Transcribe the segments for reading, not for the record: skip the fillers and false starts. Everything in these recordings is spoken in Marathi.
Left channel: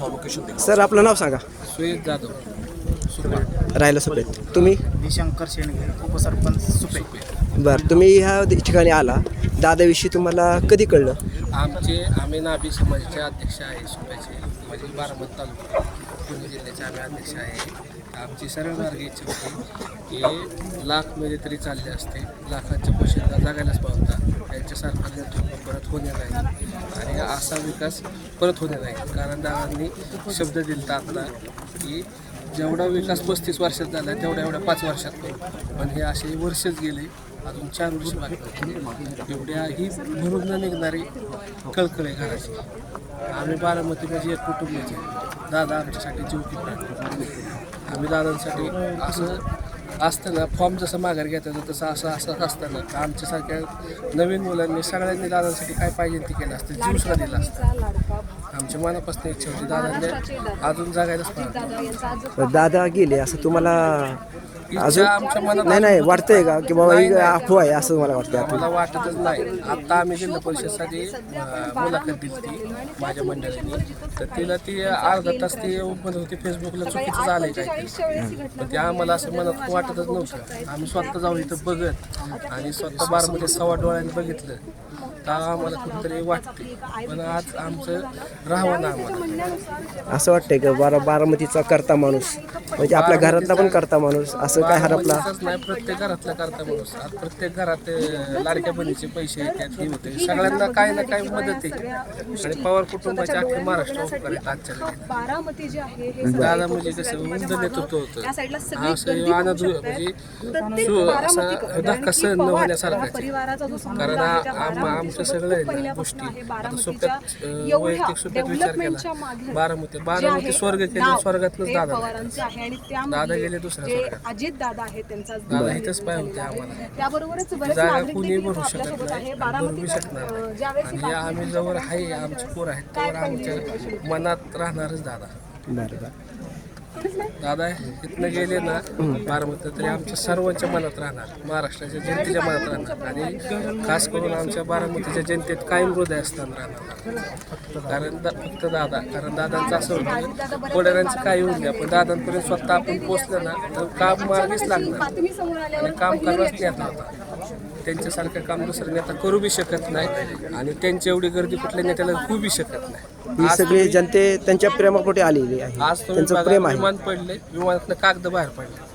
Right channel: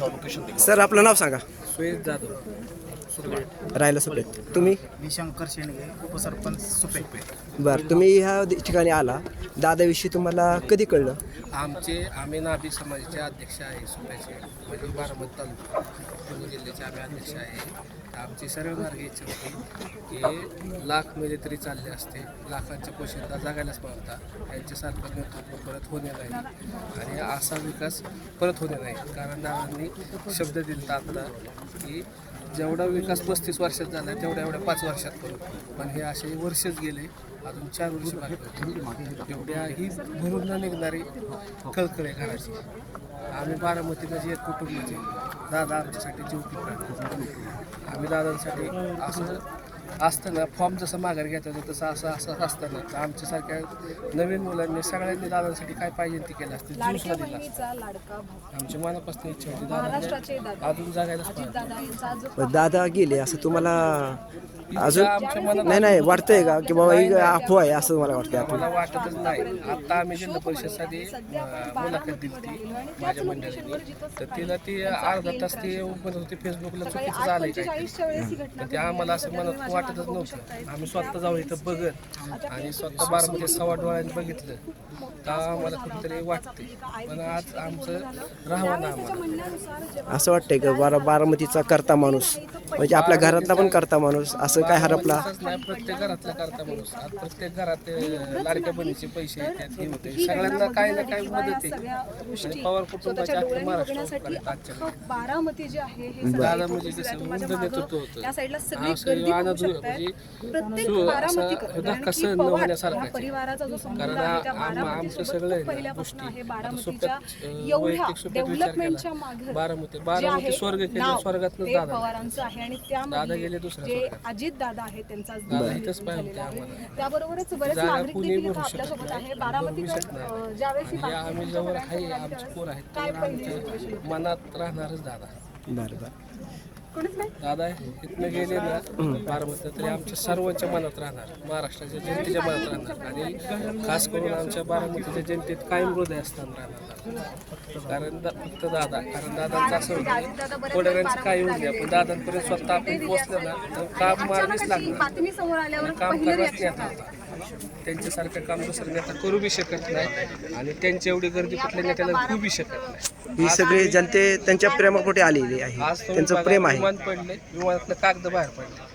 सर आपलं नाव सांगा. सुयश जाधव राहिलं सुपेत. तुम्ही? मी शंकर शेंडगे, उपसरपंच सुपे. बरं, तुम्ही ह्या ठिकाणी आला, दादाविषयी तुम्हाला कधी कळलं? आम्ही नाभी समाजाचे अध्यक्ष आहे सुप्याचे, म्हणजे बारामती तालुका पुणे जिल्ह्याचे आम्ही अध्यक्ष आहे. आमची सरळ मार्ग इच्छा होती की लाखमध्ये तरी चालले असते, लाखांच्या पोषणला जागायलाच पाहता, त्यांच्यासारखं नेतृत्व परत होणे नाही आणि असा विकास परत होणे नाही. कारण दादांनी शब्द दिला आपला की जेवढा विकास 35 वर्षात झाला तेवढा एवढ्या 5 वर्षात करू, पण हे असे वर्षच गेले, अजून 4 वर्ष बाकी. एवढ्या ही भरून न निघणारी कळकळे घराची. आम्ही बारामती म्हणजे एक कुटुंबाचे, दादा आमच्यासाठी जीव की प्राण. आम्ही दादांसाठी असं असताना फॉर्म जसं माघार घेता येतं तसं असं असताना आमच्यासारख्या नवीन मुलांनी सगळ्यांनी दादांसाठी काय पाहिजे ते केलं असतं, जीवसुद्धा दिला असतं. आमच्या मनापासून इच्छा होती दादांनी अजून जगायलाच पाहिजे. दादा गेले असं तुम्हाला अजून आमच्या मनात नाही वाटतंय का की बाबा ही अफवा आहे असं मला वाटतं? मला वाटतच नाही. आता आम्ही जिल्हा परिषदसाठी मुलाखत दिली ती माझ्या मंडळीने, तर तिला ती अर्धा तास ती ओपन होती फेसबुकला, चुकीचं झालंय काय ते आम्हाला असं मनात वाटतच नव्हतं. आम्ही स्वतः जाऊन इथं बघत आणि स्वतः बारामध्ये सव्वा डोळ्याने बघितलं तर आम्हाला कुठेतरी वाटते. पण आज आमचं राहावं ना आम्हाला असं वाटतंय का बारामतीचा करता माणूस म्हणजे आपल्या घरातला पण करता माणूस असं काय हरपला? नाही, प्रत्येक घरातला करता माणूस. आज प्रत्येक घरात लाडक्या बहिणीचे पैसे येतात, हे होते, सगळ्यांना काही ना काही मदत आहे. आणि पवार कुटुंबाचे अख्खे महाराष्ट्र उपकार आहेत आजच्या दादा म्हणजे कसं उंच नेतृत्व होतं, असं आनंद म्हणजे असा धक्का सहन न होण्यासारखा. कारण आमचं सगळं आहे ना गोष्टी सोप्यात वैयक्तिक सोप्यात विचार केला. बारामती स्वर्ग केलं, स्वर्गातच दादा गेले दुसऱ्या अजित दादा आहेत त्यांचा दादा इथंच पाय होते आम्हाला. त्याबरोबरच बरेच जागा नागरिक कुणी देखील भरू शकत आपल्यासोबत आहे. नाही, बारामती भरू शकणार. ज्यावेळेस आणि आम्ही जवळ आहे, आमचे पोर आहेत तर आमच्या मनात राहणारच दादा. बरं दादा इथनं गेले ना बारामती तरी आमच्या सर्वांच्या मनात राहणार, महाराष्ट्राच्या जनतेच्या मनात राहणार आणि खास करून आमच्या बारामतीच्या जनतेत कायम हृदय असताना राहणार. कारण फक्त दादा, कारण दादांचं असं होतं पुढाऱ्यांचं काही होऊ नये, पण दादांपर्यंत स्वतः आपण पोचलं ना तर काम मागेच लागणार आणि काम करायलाच नेता होता. त्यांच्यासारखं काम दुसरं नेता करू बी शकत नाही आणि त्यांची एवढी गर्दी कुठल्या नेत्याला होऊ बी शकत नाही. ही सगळी जनते त्यांच्या प्रेमापोटी आलेली आहे, आज तुम्ही त्यांचं बघा, प्रेम आहे. विमान पडले, विमानातनं कागद बाहेर पडले.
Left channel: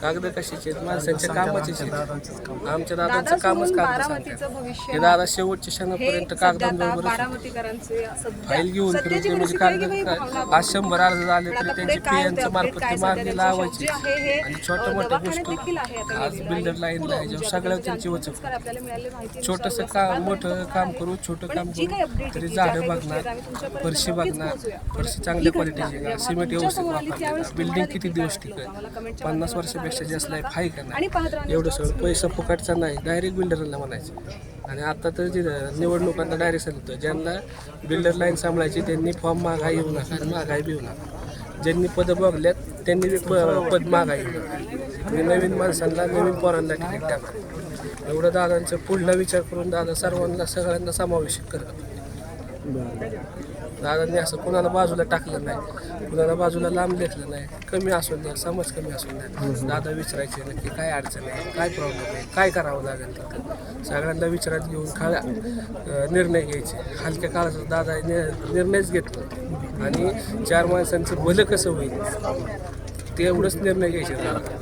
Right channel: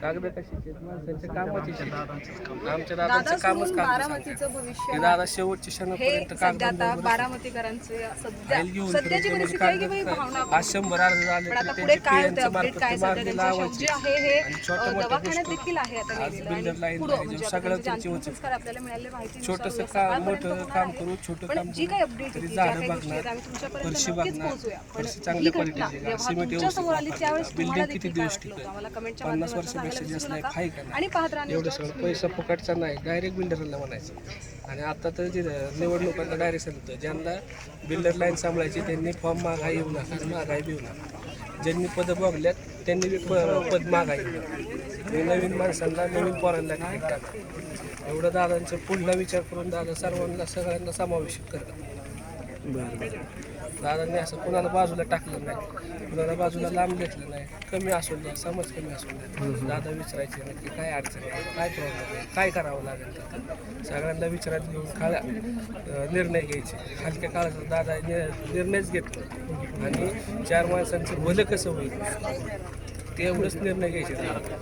कागद कशाचे आहेत? माणसांच्या कामाचे आहेत. आमच्या दादांचं कामच कागद सांगतात. हे दादा शेवटच्या क्षणापर्यंत कागदांबरोबर फाईल घेऊन फिरून ते म्हणजे कागद आज 100 अर्ज झाले तर त्यांचे पीएनच्या मार्फत ती मागणी लावायची आणि छोट्या मोठ्या गोष्टी आज बिल्डर लाईनला आहे जेव्हा सगळ्या त्यांची वचक छोटंसं मोठं काम करू, छोटं काम करू तरी झाडं बघणार, फरशी बघणार, फरशी चांगल्या क्वालिटीची, सिमेंट व्यवस्थित वापरणार, बिल्डिंग किती दिवस टिकेल, 50 वर्षापेक्षा जास्त लाईफ आहे का नाही, एवढं सगळं पैसा फुकाटचा नाही, डायरेक्ट बिल्डरला म्हणायचं. आणि आता तर जे निवडणुकांना डायरेक्ट सांगतो ज्यांना बिल्डर लाईन सांभाळायची त्यांनी फॉर्म मागा येऊ नका आणि महागाई बी येऊ नका. ज्यांनी पदं बघल्यात त्यांनी पद मागा येऊ नका. नवीन माणसांना, नवीन पोरांना तिकीट टाका. एवढं दादांचा पुढला विचार करून दादा सर्वांना सगळ्यांना समावेशित करतात. दादांनी असं कोणाला बाजूला टाकलं नाही, कुणाला बाजूला लांब घेतलं नाही. कमी असून द्या, समज कमी असून द्या, दादा विचारायचे नक्की काय अडचण आहे, काय प्रॉब्लेम आहे, काय करावं लागेल तर सगळ्यांना विचारात घेऊन निर्णय घ्यायचे. हलक्या काळाचा दादा निर्णयच घेतला आणि 4 माणसांचं भलं कसं होईल ते एवढंच निर्णय घ्यायचे दादा.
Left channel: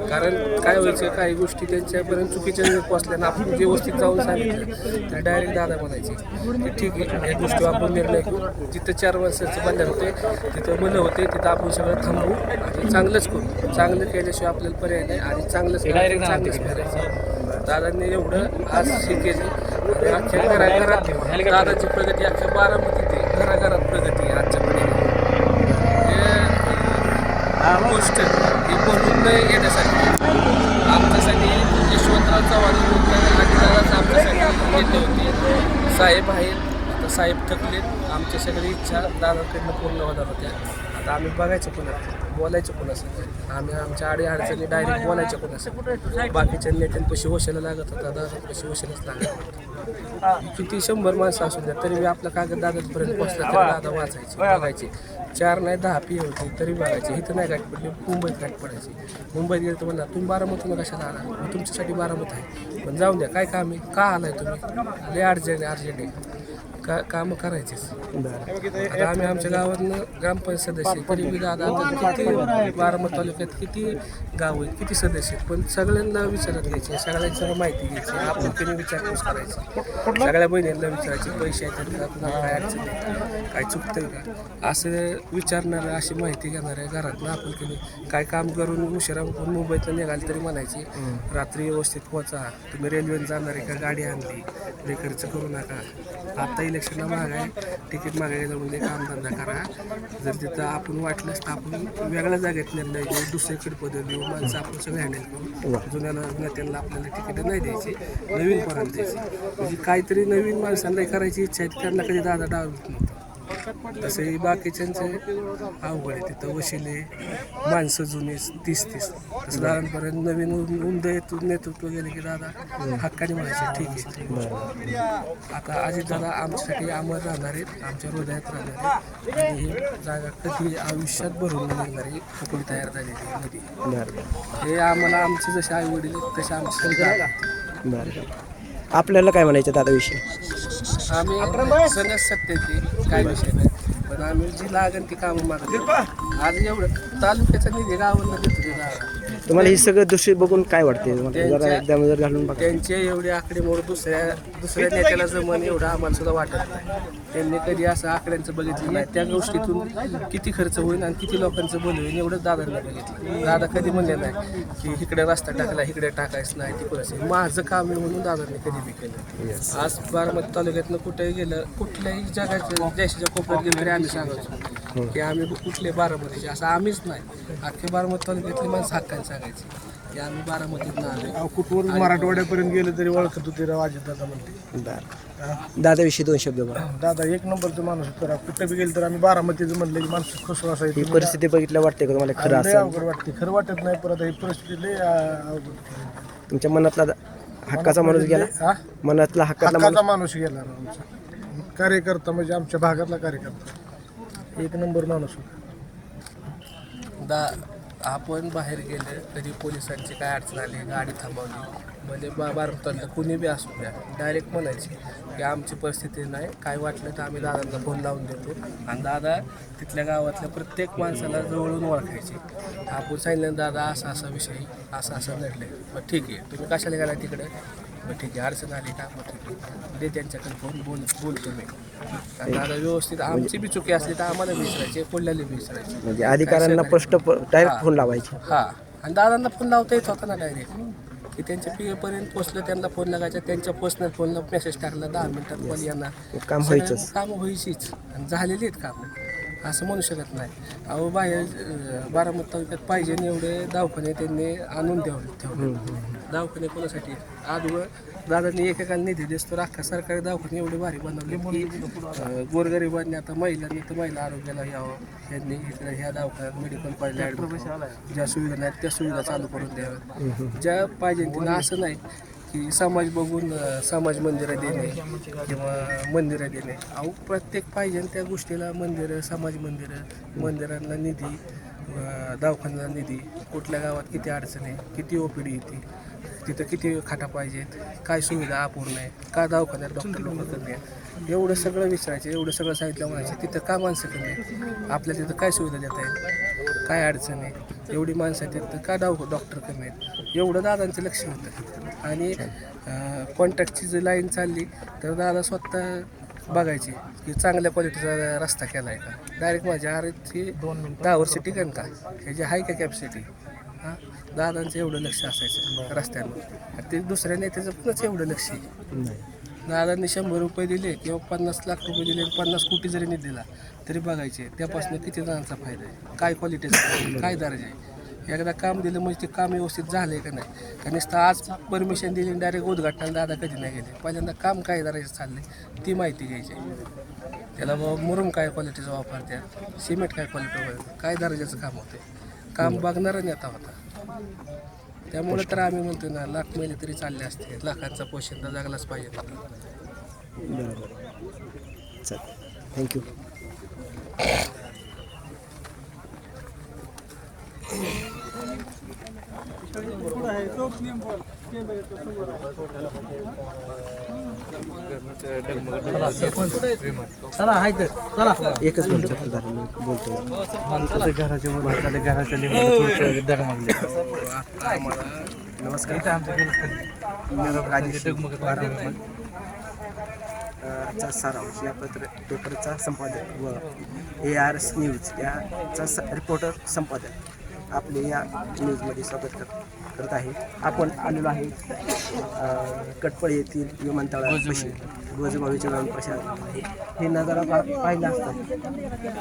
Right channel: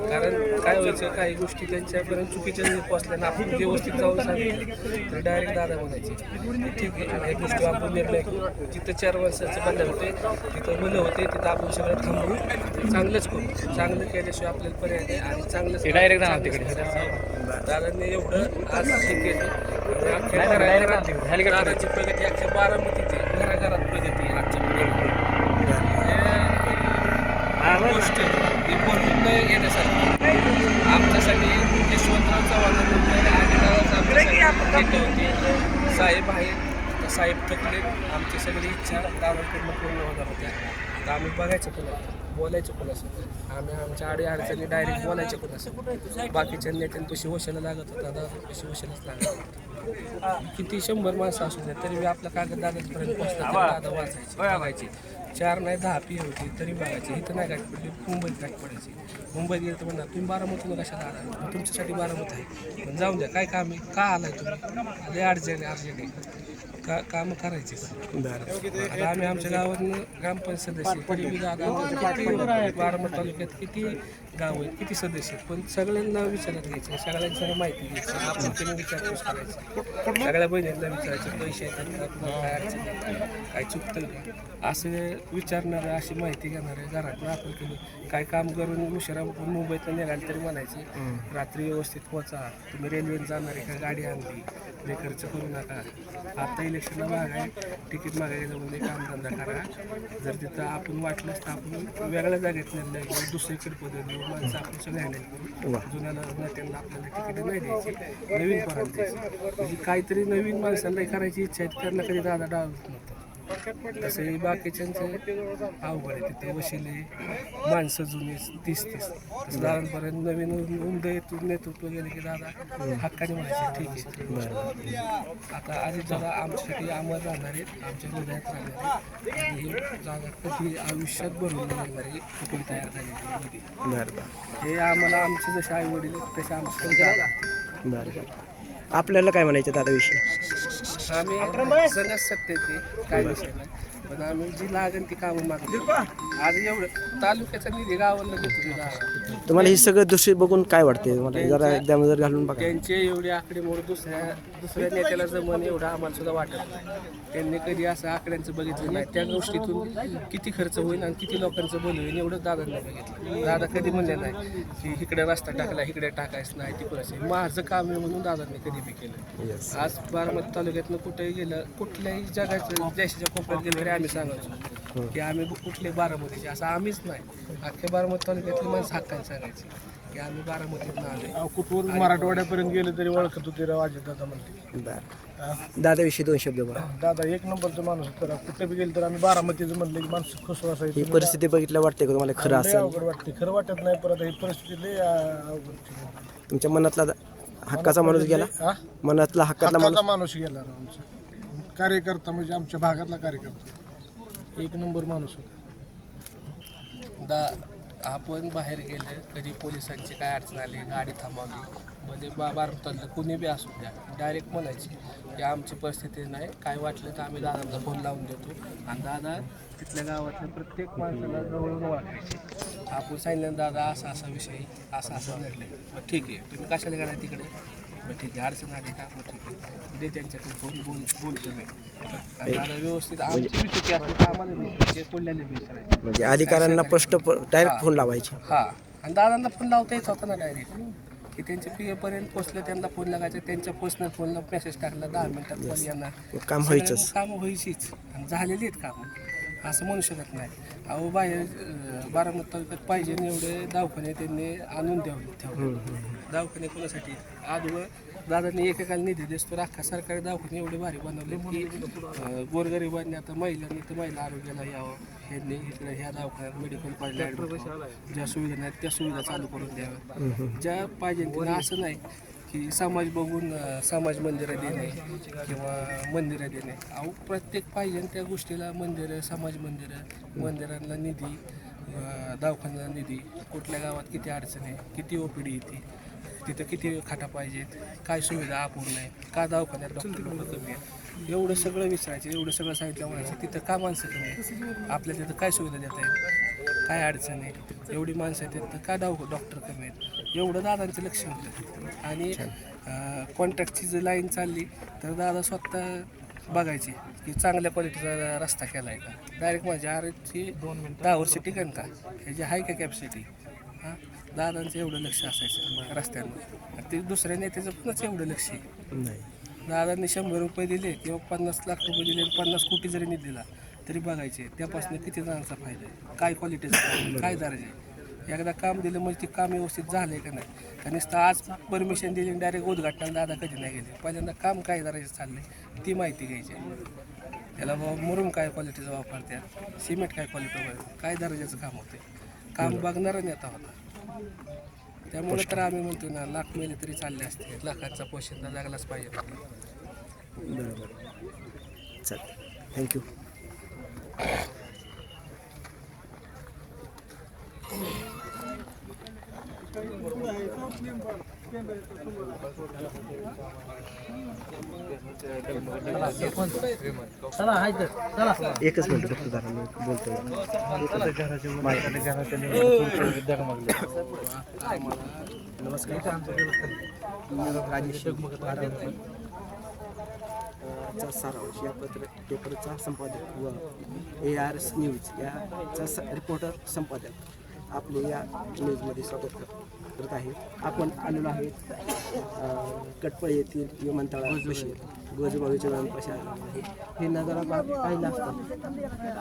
कारण काय व्हायचं, काही गोष्टी त्यांच्यापर्यंत चुकीच्या वेळेत पोचल्यानं आपण व्यवस्थित जाऊन सांगितलं तर डायरेक्ट दादा म्हणायचे ठीक आहे, या गोष्टी आपण निर्णय घेऊ. जिथं 4 माणसाचं बंधन होते तिथं मन होते, तिथं आपण सगळं थांबू, चांगलंच करू. चांगलं केल्याशिवाय आपल्याला पर्याय नाही आणि चांगलंच दादांनी एवढं आज केली. अख्ख्या घराघरात दादाची प्रगती, अख्ख्या बारामतीत घराघरात प्रगती आहे आजच्या पिढीला. गोष्ट ही बनवून येण्यासाठी आमच्यासाठी यशवंतराव चव्हाण आदिदादाच आमच्यासाठी नेते होते. साहेब आहेत, आता साहेब थकले. आमच्या सगळी इच्छा दादाकडून पूर्ण होणार होत्या. आता आम्ही बघायचं कोणाचं, बोलायचं कोणाचं, आम्ही आमच्या अडचणी डायरेक्ट बोलायच्या कोणाचं. बाकीच्या नेत्यांपाशी वशाला लागत होता, दादापाशी वशालाच लागत होता. किती 100 माणसं असू द्या तरी बी आपलं कागद दादापर्यंत पोहोचला तरी दादा वाचायचे बघायचे 4 नाही 10 पी होते तरी बघायचे इथं नाही गाठ पडली मुंबईत गाठ पडायची मुंबईत गेलं तर म्हणला तुम्ही बारामतीला कशाला आला तुमच्यासाठी बारामती आहे पण जाऊन द्या काय काम आहे का आलाय तुम्ही लय अर्जंट आहे कामं करायचीच आता आम्ही आमच्या गावातनं ग्रामपंचायत सदस्य तरी बी दादा आता किती बारामती तालुक्यात किती गाव आहेत किती सदस्य आहेत पण सगळ्यांना विचारत घ्यायचे सगळ्यांची माहिती घ्यायची आपण त्यांनी विचारपूस करायची सगळ्या बहिणींना विचारायचे पैसे आहेत का तुम्हाला काय अडचण आहे काय चुकतंय का असं विचारणारं अशी माहिती घेणाऱ्या घरातनं आपण केली काय काम करून उशिरा मुंबईतनं निघाल तरी म्हणायची रात्री व्यवस्थित पोहोचा तुम्ही रेल्वेने जाणार आहे का गाडी आणली ते खर्च करू नका आता इलेक्शनला मागाय तिकीट मागायला म्हणजे कामधंदा करा जर तिथं आपण वाटलंच तर आपण वेगळ्या जागेत निर्णय घेऊ दुसरीकडे पदवी देऊ माणसं आपण सगळे हँडल करू जुन्या नेत्यांना आपल्याला तिकीटं नाही द्यायची नवीन पोरांना द्यायची म्हणजे काहीतरी नवीन माणसांना करायची इच्छा आहे त्यांना कधी दादा डाव देत नव्हतं तसे बाकीच्यांचे अवघड आहे तिथं वशिले माणसं जुने 30 तसं लहानपर्यंत नवीन नेतृत्व गेले की दादा हक्काने म्हणायचे ठीक आहे आता अजित दादा आमच्यासाठी अमर राहणार आहेत आमच्या हृदयात राहणार आहेत आणि ही जागा कधी आयुष्यात भरून निघणारी कुठली तयार झालेली नदी हे आम्हाला आमचे जसे आई वडील आहेत तसे आमचे आपल्याला काय म्हणायचं दादाविषयी आम्ही सणच सत्तेची काय विषय नाही पण आम्ही जी लागेल ती कामं मागतो आज एवढं तालुक्याचा निधी गावाला देतो ते गावाला तुम्हाला हे सगळं दृश्य बघून काय वाटते जरा एकदम जर घालून बघा त्यांचे एवढे आकडेमोड दुसऱ्या नेत्याला जमन एवढं आम्हाला सुद्धा वाटत नाही त्यांनी कधी असं आकड्यांचं बघितलं नाही त्या गोष्टीतून किती खर्च होईल आणि किती लोकांचं बोल होईल एवढंच दादांनी बघितलं दादा कधी म्हणले नाही की इकडे रस्ता टाकला इकडे टाकायचं नाही तिकडे माझं काम आहे म्हणून दादांनी कधी बी केलं आज बारामती तालुक्यातनं कुठेही गेलं कुठल्याही जगाच्या देशाच्या कोपऱ्यात गेलं तरी आम्ही सांगायचो की आम्ही कुठले बारामतीचे असं आम्हीच नाही अख्ख्या बारामती तालुक्यातली माणसं हक्काने सांगायची की आम्ही बारामतीतून आलो कुठवरून मराठवाड्यापर्यंत गेलं तरी ओळखत होते राव अजित दादा म्हणते दादाविषयी 2 शब्द बोला दादा एक नंबरचं माणूस तर कुठे बी गेलं तर आम्ही बारामतीचं म्हणलं की माणसं खुश असायची ही परिस्थिती बघितल्या वाटते का तुम्हाला खरं लय असं अवघड वाटते खरं वाटत नाही परत ही परिस्थिती लय अवघड तुमच्या मनातला हक्काचा माणूस गेला हा? मनातला हक्काचा हक्काचा माणूस गेला राव आमचा कार्यकर्ता म्हणजे आमच्या भागातला कार्यकर्ता एक नंबर माणूस होता आपण बाहेर गेलं कधी पोलिसांची काय अडचण आली गाडी थांबवली म्हणजे बारामतीतलं कुणी बी असू द्या डायरेक्ट म्हणायची की आमची परिस्थिती नाही काय वाटलं तर आम्ही दादांना फोन लावून देतो आणि दादा तिथल्या गावातल्या प्रत्येक माणसाला जवळून ओळखायचे आपण सांगितलं दादा असा विषय असं नडलं मग ठीक आहे तुम्ही कशाला गेला तिकडे मग ठीक आहे अडचण आली का मग ठीक आहे दे त्यांच्याकडे फोन बोलतो मी आणि दादा व्यवस्थित आमची बी चुकी असली तर आम्हाला विसरायचे कोल्ह्याला विसरायचे म्हणजे अधिकाऱ्यांना प्रश्न डायरेक्ट फोन लावायचे हां आणि दादांना फोन लावता येत होता ना डायरेक्ट की त्यांच्या पीएपर्यंत पोचलं त्यांना फोन लागायचा त्यांच्या पर्सनल फोनला मेसेज टाकला 10 मिनिटात फोन येणार काम व्हायचंच कामं व्हायचीच आणि झालेली आहेत कामं असं म्हणू शकत नाही अहो बाहेर बारामती तालुक्यात पाहिजे एवढे दवाखाने त्यांनी आणून ठेवले दवाखाने कोणासाठी आजवर दादांनी एकेकाला निधी दिसतो अख्खा सरकारी दवाखाने एवढे भारी बनवले की गोरगरिबांनी आता महिलांनी तर महिला आरोग्याला यावं ह्यांनी इकडे ह्या दवाखान्यात मेडिकल पाहिजे ज्या सुविधा नाहीत त्या सुविधा चालू करून द्याव्या ज्या पाहिजे त्यांना असं नाही की समाज बघून समाज मंदिरं देणे किंवा मंदिरं देणे अहो प्रत्येक पाहिजे त्या गोष्टीला मंदिरं समाज मंदिरांना निधी दवाखान्याला निधी कुठल्या गावात किती अडचण आहे किती ओपीडी येते तिथं किती खाटा पाहिजेत काय सुविधा अपूर्ण आहे का दवाखान्यात डॉक्टर लोक कमी आहेत एवढं सगळं विचारायचं एवढं सगळं सांगितलं म्हणायचं तिथं का माणसं कमी आहेत आपल्याला तिथं काय सुविधा देता येईल काय अडचण आहे एवढी माणसं आहेत तिथं का डॉक्टर कमी आहेत एवढं दादांचं लक्ष होतं आणि कॉन्ट्रॅक्टची जर लाईन चालली तर दादा स्वतः बघायची की चांगल्या क्वालिटीचा रस्ता केला आहे का डायरेक्ट माझ्या आरची 10 वर्ष टिकन का ह्याची हाय का कॅपॅसिटी हां दादांचं एवढं लक्ष असायचं रस्त्यांवर ते दुसऱ्या नेत्याचं पुन्हाच एवढं लक्ष आहे दादांनी 100 रुपये दिले किंवा 50 लाख रुपये दिले 50 कोटी जरी निधी दिला तरी बघायचे त्यापासून किती जणांचा फायदा आहे काय क्वालिटीचा काय दर्जा आहे एकदा काम दिलं म्हणजे ते काम व्यवस्थित झालं आहे का नाही का नुसतं आज परमिशन दिली डायरेक्ट उद्घाटनाला दादा कधी नाही गेले पहिल्यांदा काम काय करायचं चाललंय ती माहिती घ्यायची त्याला मुरुम काय क्वालिटीचा वापरते सिमेंट काय क्वालिटी काय दर्जाचं काम होतं काम बघणारा नेता होता त्यामुळे तर आम्ही म्हणतो ना लाख मेले तरी चालले असते लाखांचा पोशिंदा जगलाच पाहिजे बरोबर चालेल थँक्यू. एकच मिनिट चा सारांश या पेपरचा संपादक व ARS न्यूज याचा रिपोर्टर संपादक आपले या न्यूजमध्ये स्वागत करत आहे. आपण आलेलो आहे कटपळ येथील विमानतळापाशी गोजबावीचे विमानप्रशासन आहे. हे नजारा पाहिला असता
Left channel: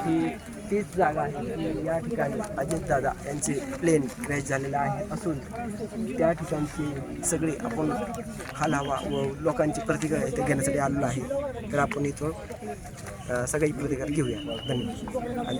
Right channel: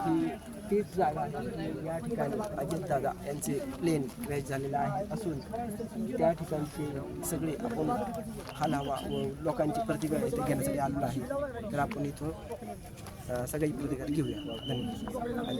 ही तीच जागा आहे की या ठिकाणी अजितदादा यांचे प्लेन क्रॅश झालेलं आहे असून त्या ठिकाणची सगळी आपण हालावा व लोकांची प्रतिक्रिया इथे घेण्यासाठी आलेलो आहे. तर आपण इथून सगळी प्रतिक्रिया घेऊया. धन्यवाद. आणि